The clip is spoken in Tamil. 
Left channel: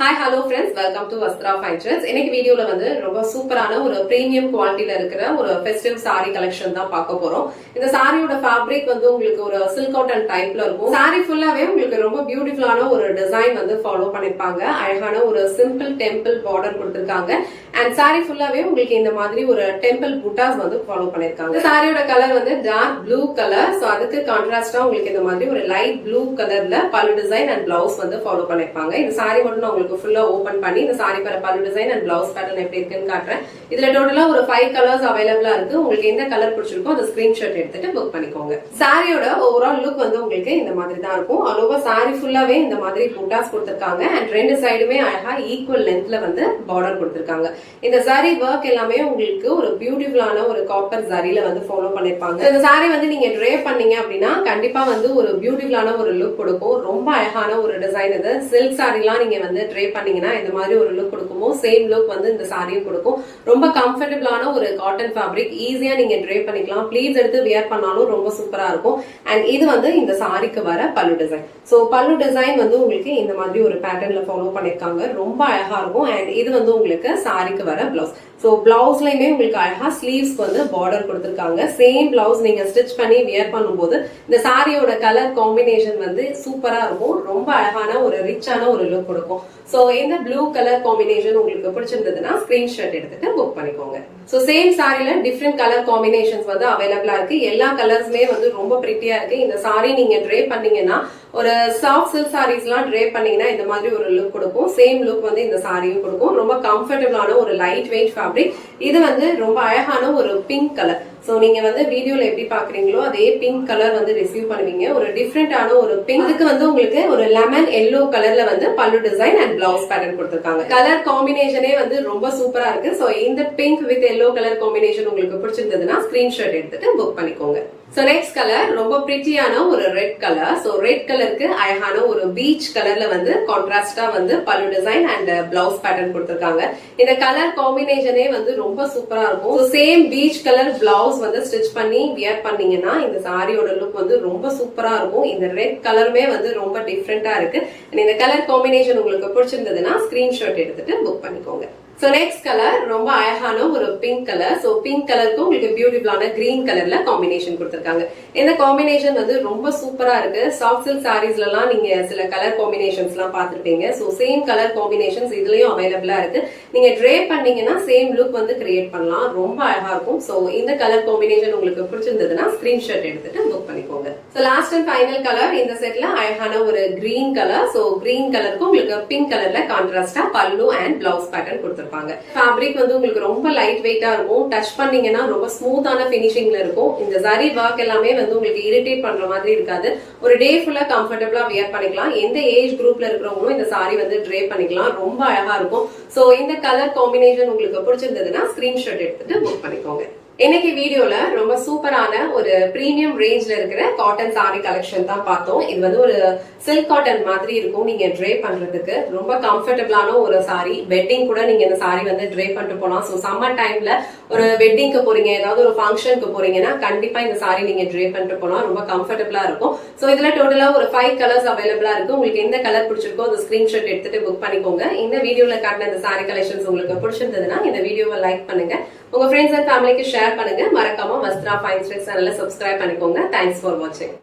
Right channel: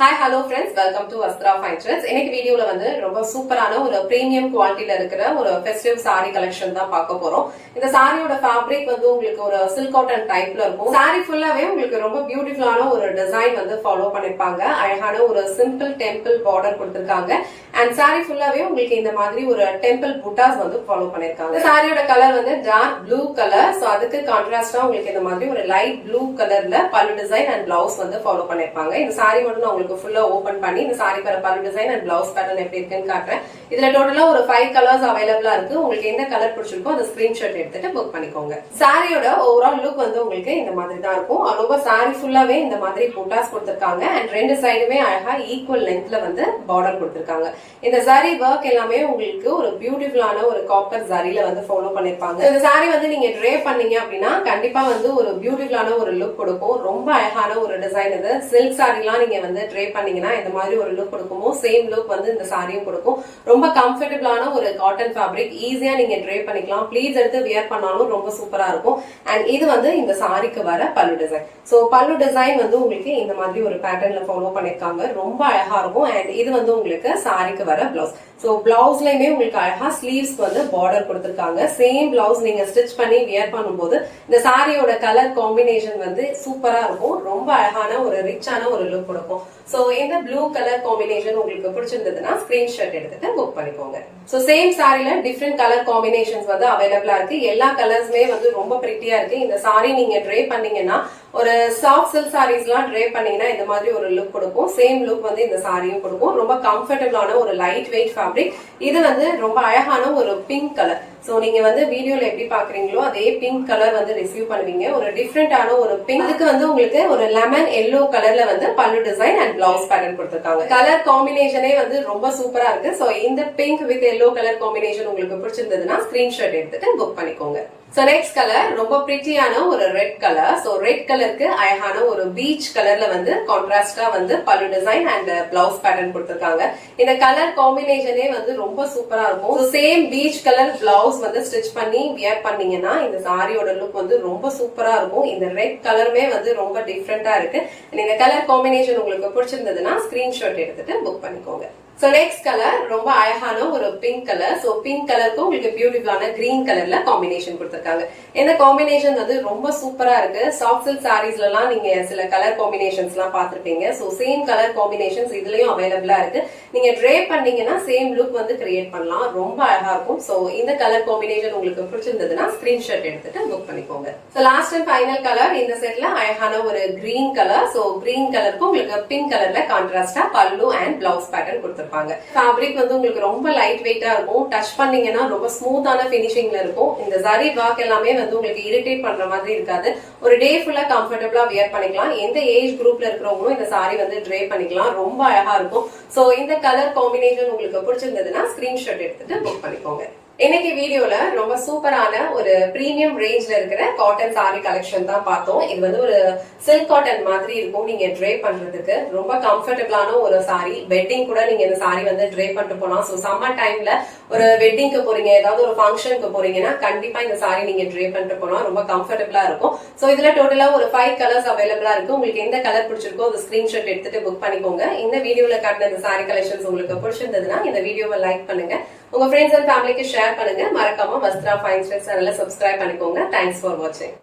Hi hello friends, welcome to Vastra fine trends. இன்னைக்கு வீடியோல வந்து ரொம்ப சூப்பரான ஒரு பிரீமியம் குவாலிட்டியில இருக்கிற ஒரு ஃபெஸ்டிவ் சாரி கலெக்ஷன் தான் பார்க்க போறோம். இந்த சாரியோட ஃபேப்ரிக் வந்து உங்களுக்கு ஒரு சில்க் காட்டன் டைப்ல இருக்கும். சாரி ஃபுல்லாவே உங்களுக்கு ரொம்ப பியூட்டிஃபுல்லான ஒரு டிசைன் வந்து ஃபாலோ பண்ணிருப்பாங்க. அழகான ஒரு சிம்பிள் டெம்பிள் பார்டர் கொடுத்திருக்காங்க. அண்ட் சாரி ஃபுல்லாவே உங்களுக்கு இந்த மாதிரி ஒரு டெம்பிள் புட்டாஸ் வந்து ஃபாலோ பண்ணிருக்காங்க. சாரியோட கலர் வந்து டார்க் ப்ளூ கலர். சோ அதுக்கு கான்ட்ராஸ்டா உங்களுக்கு இந்த மாதிரி ஒரு லைட் ப்ளூ கலர்ல பல்லு டிசைன் அண்ட் பிளவுஸ் வந்து ஃபாலோ பண்ணிருப்பாங்க. இந்த சாரி மட்டும் உங்களுக்கு ஃபுல்லா ஓபன் பண்ணி இந்த சாரி பல்லு டிசைன் அண்ட் பிளவுஸ் பேட்டர்ன் எப்படி இருக்குன்னு காட்டுறேன். இதுல டோட்டலா ஒரு 5 கலர்ஸ் அவைலபிளா இருக்கு. உங்களுக்கு எந்த கலர் பிடிச்சிருக்கோ அந்த ஸ்கிரீன்ஷாட் எடுத்துட்டு புக் பண்ணிக்கோங்க. சாரியோட ஓவரால் லுக் வந்து உங்களுக்கு இந்த மாதிரி தான் இருக்கும். ஆல்ஓவர் சாரி ஃபுல்லாவே இந்த மாதிரி புட்டாஸ் கொடுத்திருக்காங்க. அண்ட் ரெண்டு சைடுமே அழகா ஈக்குவல் லென்த்ல வந்து பார்டர் கொடுத்திருக்காங்க. இந்த சாரி ஒர்க் எல்லாமே உங்களுக்கு ஒரு பியூட்டிஃபுல்லான ஒரு காப்பர் சாரியில வந்து ஃபாலோ பண்ணிருப்பாங்க. இந்த சாரி வந்து நீங்க ட்ரே பண்ணீங்க அப்படின்னா கண்டிப்பா வந்து ஒரு பியூட்டிஃபுல்லான ஒரு லுக் கொடுக்கும். ரொம்ப அழகான ஒரு டிசைன். இது சில்க் சாரிலாம் நீங்க வந்து ட்ரே பண்ணீங்கன்னா இந்த மாதிரி ஒரு லுக் கொடுக்குமோ சேம் லுக் வந்து இந்த சாரியும் கொடுக்கும். ரொம்ப கம்ஃபர்டபிளான ஒரு காட்டன் ஃபேப்ரிக். ஈஸியா நீங்க ட்ரே பண்ணிக்கலாம். ப்ளீட்ஸ் எடுத்து வியர் பண்ணாலும் ரொம்ப சூப்பரா இருக்கும். அண்ட் இது வந்து இந்த சாரிக்கு வர பல்லு டிசைன். சோ பல்லு டிசைன் வந்து உங்களுக்கு இந்த மாதிரி ஒரு பேட்டர்ன்ல ஃபாலோ பண்ணிருக்காங்க. ரொம்ப அழகா இருக்கும். அண்ட் இது வந்து உங்களுக்கு சாரிக்கு வர பிளவுஸ். சோ பிளவுஸ்லயுமே உங்களுக்கு அழகா ஸ்லீவ்ஸ் வந்து பார்டர் கொடுத்திருக்காங்க. சேம் பிளவுஸ் நீங்க ஸ்டிச் பண்ணி வியர் பண்ணும்போது இந்த சாரியோட கலர் காம்பினேஷன் வந்து சூப்பரா இருக்கும். ரொம்ப அழகான ஒரு ரிச்சான ஒரு லுக் கொடுக்கும். சோ இந்த ப்ளூ கலர் காம்பினேஷன் உங்களுக்கு பிடிச்சிருந்ததுன்னா ஸ்கிரீன்ஷாட் எடுத்துட்டு புக் பண்ணிக்கோங்க. சோ சேம் சாரில டிஃப்ரெண்ட் கலர் காம்பினேஷன்ஸ் வந்து அவைலபிளா இருக்கு. எல்லா கலர்ஸ்மே வந்து ரொம்ப பிரிட்டியா இருக்கு. இந்த சாரி நீங்க ட்ரே பண்ணீங்கன்னா ஒரு சாஃப்ட் சில்க் சாரீஸ் எல்லாம் ட்ரே பண்ணீங்கன்னா இந்த மாதிரி ஒரு லுக் கொடுக்கும். சேம் லுக் வந்து இந்த சாரியும் கொடுக்கும். ரொம்ப கம்ஃபர்டபிளான ஒரு லைட் வெயிட் ஃபேப்ரிக். இது வந்து ரொம்ப அழகான ஒரு பிங்க் கலர். சோ நீங்க வந்து வீடியோல எப்படி பாக்குறீங்களோ அதே பிங்க் கலர் வந்து ரிசீவ் பண்ணுவீங்க. ஒரு டிஃப்ரெண்டான ஒரு பிங்க்கு வந்து உங்களுக்கு ஒரு லெமன் எல்லோ கலர்ல வந்து பல்லு டிசைன் அண்ட் பிளவுஸ் பேட்டர்ன் கொடுத்திருக்காங்க. கலர் காம்பினேஷனே வந்து ரொம்ப சூப்பரா இருக்கு. சோ இந்த pink with yellow colour combination உங்களுக்கு பிடிச்சிருந்ததுன்னா ஸ்கிரீன்ஷாட் எடுத்துட்டு புக் பண்ணிக்கோங்க. சோ நெக்ஸ்ட் கலர் ரொம்ப பிரிட்டியான ஒரு ரெட் கலர். சோ ரெட் கலருக்கு அழகான ஒரு பீச் கலர்ல வந்து கான்ட்ராஸ்டா வந்து பல்லு டிசைன் அண்ட் பிளவுஸ் பேட்டர்ன் கொடுத்திருக்காங்க. இந்த கலர் காம்பினேஷனே வந்து ரொம்ப சூப்பரா இருக்கும். சேம் பீச் கலர் பிளவுஸ் வந்து ஸ்டிச் பண்ணி வியர் பண்ணீங்கன்னா இந்த சாரியோட லுக் வந்து ரொம்ப சூப்பரா இருக்கும். இந்த ரெட் கலருமே வந்து ரொம்ப டிஃப்ரெண்டா இருக்கு. இந்த கலர் காம்பினேஷன் உங்களுக்கு பிடிச்சிருந்ததுன்னா ஸ்கிரீன்ஷாட் எடுத்துட்டு புக் பண்ணிக்கோங்க. சோ நெக்ஸ்ட் கலர் ரொம்ப அழகான ஒரு பிங்க் கலர். சோ பிங்க் கலருக்கு உங்களுக்கு பியூட்டிஃபுல்லான கிரீன் கலர்ல காம்பினேஷன் கொடுத்திருக்காங்க. இந்த காம்பினேஷன் வந்து ரொம்ப சூப்பரா இருக்கு. சாஃப்ட் சில்க் சாரீஸ்ல எல்லாம் நீங்க சில கலர் காம்பினேஷன்ஸ் எல்லாம் பாத்துருப்பீங்க. சோ சேம் கலர் காம்பினேஷன்ஸ் இதுலயும் அவைலபிளா இருக்கு. நீங்க ட்ரே பண்ணீங்கன்னா சேம் லுக் வந்து கிரியேட் பண்ணலாம். ரொம்ப அழகா இருக்கும். சோ இந்த கலர் காம்பினேஷன் உங்களுக்கு பிடிச்சிருந்ததுன்னா ஸ்கிரீன்ஷாட் எடுத்துட்டு புக் பண்ணிக்கோங்க. So last and final colour இந்த செட்ல அழகான ஒரு கிரீன் கலர். சோ கிரீன் கலருக்கு உங்களுக்கு பிங்க் கலர்ல கான்ட்ராஸ்டா பல்லு அண்ட் பிளவுஸ் பேட்டர்ன் கொடுத்திருப்பாங்க. ஃபேப்ரிக் வந்து உங்களுக்கு ரொம்ப லைட் வெயிட்டா இருக்கும். டச் பண்ணீங்கன்னா ரொம்ப ஸ்மூத்தான பினிஷிங்ல இருக்கும். இந்த சாரி ஒர்க் எல்லாமே வந்து உங்களுக்கு இரிட்டேட் பண்ற மாதிரி இருக்காது. ஒரு டே ஃபுல்லா கம்ஃபர்டபிளா வியர் பண்ணிக்கலாம். எந்த ஏஜ் குரூப்ல இருக்கிறவங்களும் இந்த சாரி வந்து ட்ரே பண்ணிக்கலாம். ரொம்ப அழகா இருக்கும். சோ இந்த கலர் காம்பினேஷன் உங்களுக்கு பிடிச்சிருந்ததுன்னா ஸ்கிரீன்ஷாட் எடுத்துட்டு புக் பண்ணிக்கோங்க. இன்னைக்கு வீடியோல ரொம்ப சூப்பரான ஒரு பிரீமியம் ரேஞ்ச்ல இருக்கிற காட்டன் சாரி கலெக்ஷன் தான் பார்த்தோம். இது வந்து ஒரு சில்க் காட்டன் மாதிரி இருக்கும். நீங்க ட்ரே பண்றதுக்கு ரொம்ப கம்ஃபர்டபிளான ஒரு சாரி. வெட்டிங் கூட நீங்க இந்த சாரி வந்து ட்ரே பண்ணிட்டு போனா. சோ சம்மர் டைம்ல ஒரு வெட்டிங்க்கு போறீங்க, ஏதாவது ஒரு ஃபங்க்ஷனுக்கு போறீங்கன்னா கண்டிப்பா இந்த சாரி நீங்க ட்ரே பண்ணிட்டு போனா ரொம்ப கம்ஃபர்டபிளா இருக்கும். சோ இதுல டோட்டலா ஒரு 5 கலர்ஸ் அவைலபிளா இருக்கு. உங்களுக்கு எந்த கலர் பிடிச்சிருக்கோ அந்த ஸ்கிரீன்ஷாட் எடுத்துட்டு புக் பண்ணிக்கோங்க. இந்த வீடியோல காட்டின இந்த சாரி கலெக்ஷன்ஸ் உங்களுக்கு பிடிச்சிருந்ததுன்னா இந்த வீடியோவை லைக் பண்ணுங்க. உங்க ஃப்ரெண்ட்ஸ் அண்ட் ஃபேமிலிக்கு ஷேர் பண்ணுங்க. மறக்காம வஸ்த்ரா ஃபைன் ட்ரெண்ட்ஸ் சேனலை சப்ஸ்கிரைப் பண்ணிக்கோங்க. தேங்க்ஸ் ஃபார் வாட்சிங்.